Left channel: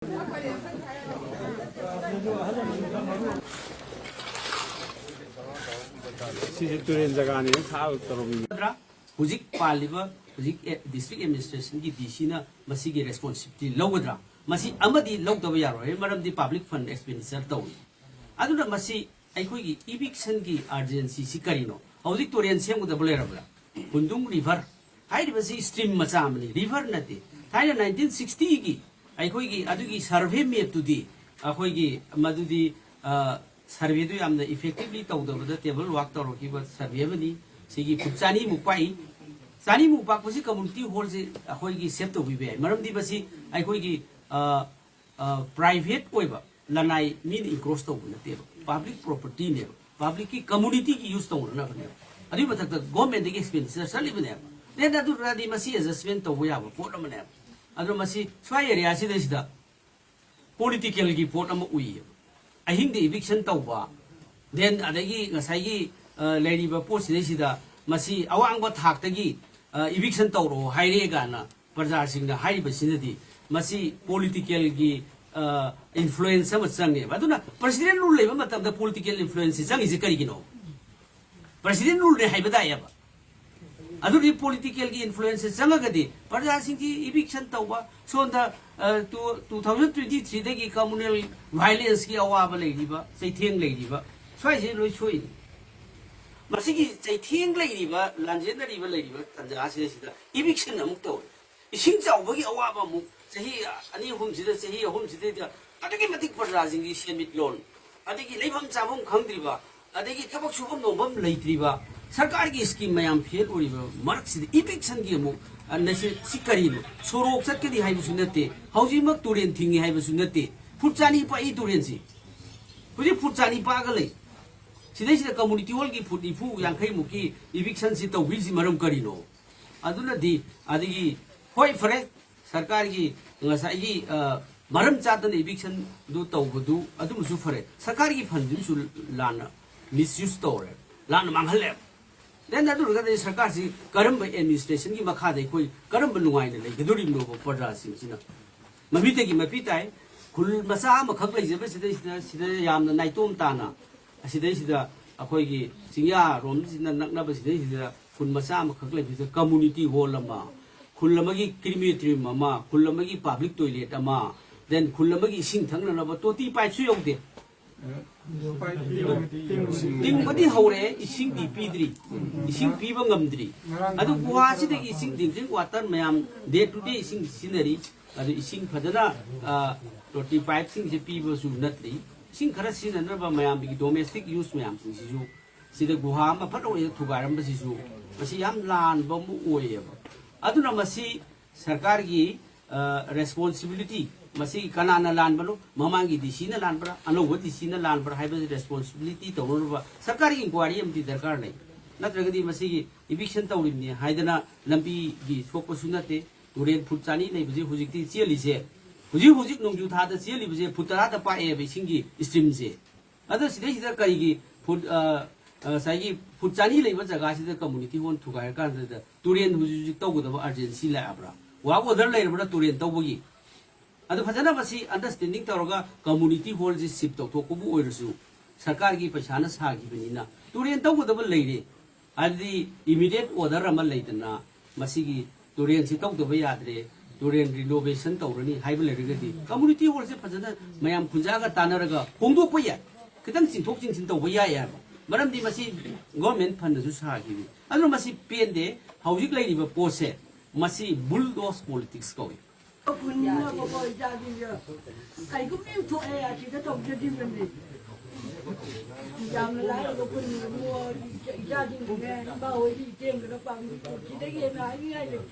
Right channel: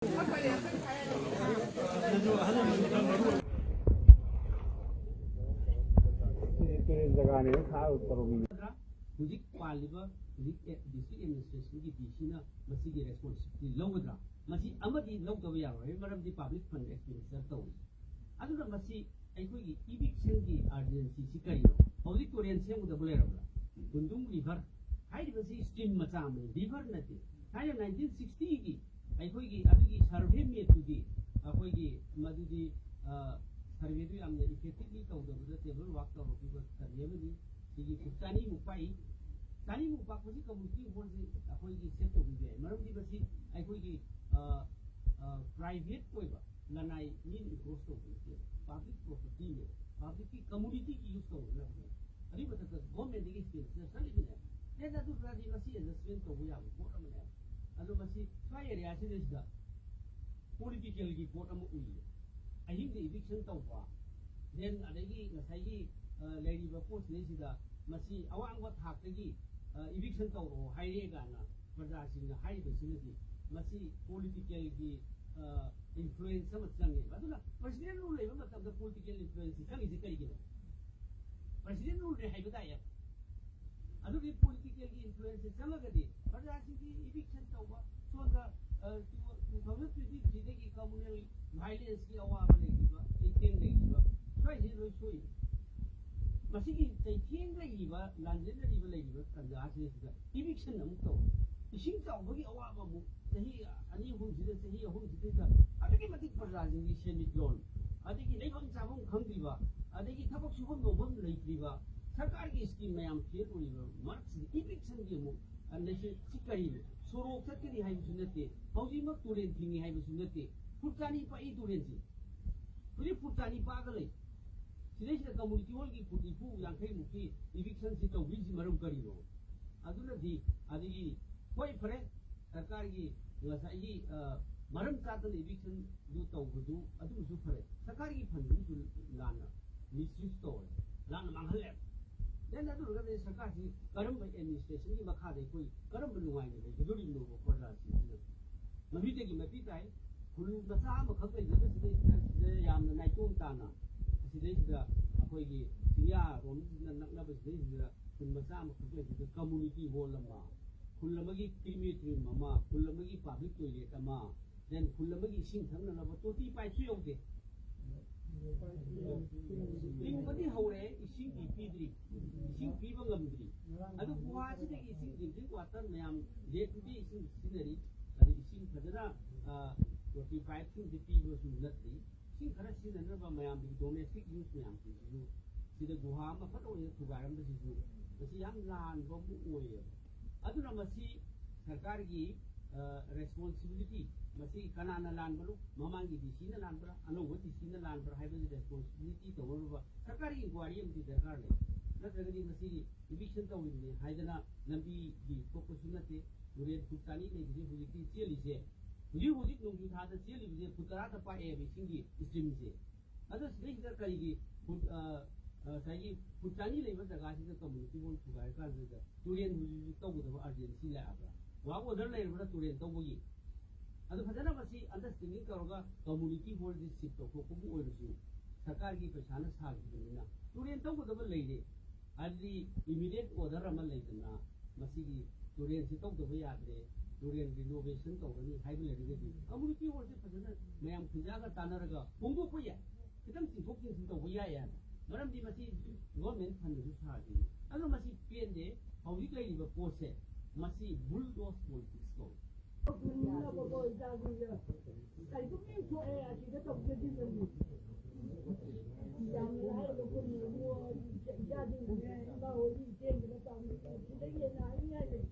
Tourane जगह हुजिक पालिबा हुजिक district administration की DC ना मसी की रेस्पॉन्सिबिलिटी लौगद्रा मसी अमदी लौदब यारोय मरमदी पब्लिक फंड एक्सपेंडिचर तौई अदुना मसी अखोई की इविक्शन की अर्जेंसी सी करिनो हुजिक तुरेन सेमगदब लेरबला हुंदुंग रिवर हाइरिबसी स्ट्रीम मचा अमनी रिवर नते थाइना 1960 की अखोई की अदुगी सर्वे मैप तुदी अखोई की मदुदी सर्वे दु यामना इफेक्टिवली तौदबदा टेबल वर्क तौरखिबा सर्वे बनी सिगी फुचानी मुपाई चानी मुपाक पसी कम्युनिटी हॉल से अखोई की सेव तौबिबे मरमदी बसी अखोई की प्राइवेट ओइबा लनाई मीन इनक्रोस तौब नते पब्लिक प्रॉपर्टी ने पब्लिक की कम्युनिटी की यूज तौरना बने अदि मथक गवर्नमेंट की एक्सपेंडिचर सलिबने देन अदु रादी मसी एडजस्टमेंट तौब याबा पोट अमने अदु मसी स्वाई एरिया सिदा पॉलिटिकल की पोट अम उई अहिंग इविक्शन तौबा देन अदगी ngसाई लेरिबा पोस्ट सिदा मसी अवांग थाक्तगी इविक्शन तौरो हाइरे गाना प्रजा सिंगना हाइबा सिनदी मसी पॉलिटिकल की इन्फ्लुएंस अम चंगे अदुना प्रेसिडेंट रूल लेबा मतम द पॉलिटिकल इन्फ्लुएंस चंगी जे करिगिनो प्रेसिडेंट रूल ने हाइबा दायबा अदुरी पॉलिटिकल की इन्फ्लुएंस चंगगदी प्रजा सिंग की इविक्शन तौबा सोंदा 2023 दगी कम्युनल वायलेंस की अवाबा लेरिबा चैथेंग लेरिबा स्वाइसे लोई सोई मसिगी चैथेंग लेरिबा लांजेनरिबा लेरिबा तंजा सिदा इविक्शन अमुक तौ इसिंग चावबगी अवाबा मुक सही अनि हुम सिदा सही हुम सिदा अदगी मतिक प्रजासिंग की सेमिट लोन अदगी लेबम चाबम खंगद्रिबा अदगी थबक सुबम नोबम लेत्रिबा सरकार की स्कीम मयाम फेल ओरिबा मरक सिदा इविक्शन की अमुक नसे सिकरिनो सोरोक चटकदी हाइबसु नते हौजिमक तुरेन थिंगी हाइबसु नते फुटचानी पाई तुरेन सि हुजि फुटचानी पागले सिदैसिदा कम्युनिटी हॉल की फुट इफु यांखै मुकी इविक्शन सि तौबिसि मरम करिनो अदुनदी अदगी होय फरे सरकार की ngसाई मरम चादन इविक्शन दु तौबदु अदुमसु फरे सरकार की फंड सु लाना मिसयूज तौरे लाना मांगहले देन अदुरगदे सरकार सि करम एडमिनिस्ट्रेशन की मखा दे कोई करम नुगाइन ले गदुरि नो प्रजा सिंह सिना मबिते की मपिताय खुल मसा मखक लेजबे सिदा यामना नाइतोम ताना सिदा अखोई की सिंया रोम सिना नकनब सिदा खुल मसा मखक लेजबे कम्युनिटी हॉल अमा खुल अमगी क्रिमेटरी अमा खुल अमगी पब्लिक टॉयलेट अमा देन खुल अमगी सिंग थंगनब तोती पाइसु योगदे तिंगबदी हौरे इसिंग दी पीद्री इसिंग पीबा ngamdri अदु गुवासिदगी इसिंग ड्रिंकिंग वाटर मयाम डे टू डे इसिंग सिनरी अदु इसिंग फदना 35 सिंग जे पीबा सु नत्रि इसिंग खरा सिननबा मयाम बिगी डोमेस्टिक यूज मयाम सिसु सिदा गुहा मा फटो ए थुगारम बसिसु मसी याम लान बमु ओयेबा अदुना मसी सरकार की रेस्पॉन्सिबिलिटी मसी कनाना लान बनो ममांगी डीसी ना लान बरा अनोव डीसी ना लान बरा हाइबे रेस्पॉन्सिबिलिटी तौरबा सरकार की इंक्वायरी अमती दरकार नै नत्रगदी मसी की इविक्शन तौरिबनी हाइदना लंबी की सोकपसु नते तुरेन फुटचानी लेबजे हुजिकती चेलिसे हुजिक नोंजु थादा चेलिबजे फुतरादा पाए बेसिंगी स्ट्रीम से अद सिदा करिगी फुट साइगी फुटचानी लेबा जगह सिदा कम्युनिटी होन थुगाय कान तुरेन हुजिक तौगदबा अर्जेंसी लाब्रा वा ओदर लेरबा तुरेन तौबगी अदु फजना बसी अंडरस्टैंडिंग तौरगा कम्युनिटी हॉल जे शिफ्ट तौथोकबु ओइरसु सरकार की पैसाना सागिबनिना तुरेन तौगदब लेरे अदि इमीडिएट ऑर्डर अमा लेदना मसीगी तुरेन सि तौदब याद्रे तुरेन रिनोवेशन तौरनी हाइब लेरगदी कम्युनिटी हॉल से फजना मयाम खुंजागा तानरगा होंदोक पया खितंग सिंथोक सिंसिन तौब याया मरमदि मसी गवर्नमेंट फंड सु सागिबि अदु मसी पेंदे हौजिक लेरिबा पोसे मसी बुलडोज पॉलिटिक्स कौय Ai cũng yêu thôi à, chỉ có tổng cho đi mình đi. Giờ lái ở bên mua gia đình nghe bao đi tiền cái nó bằng chỉ thấy nghe nói ngay được.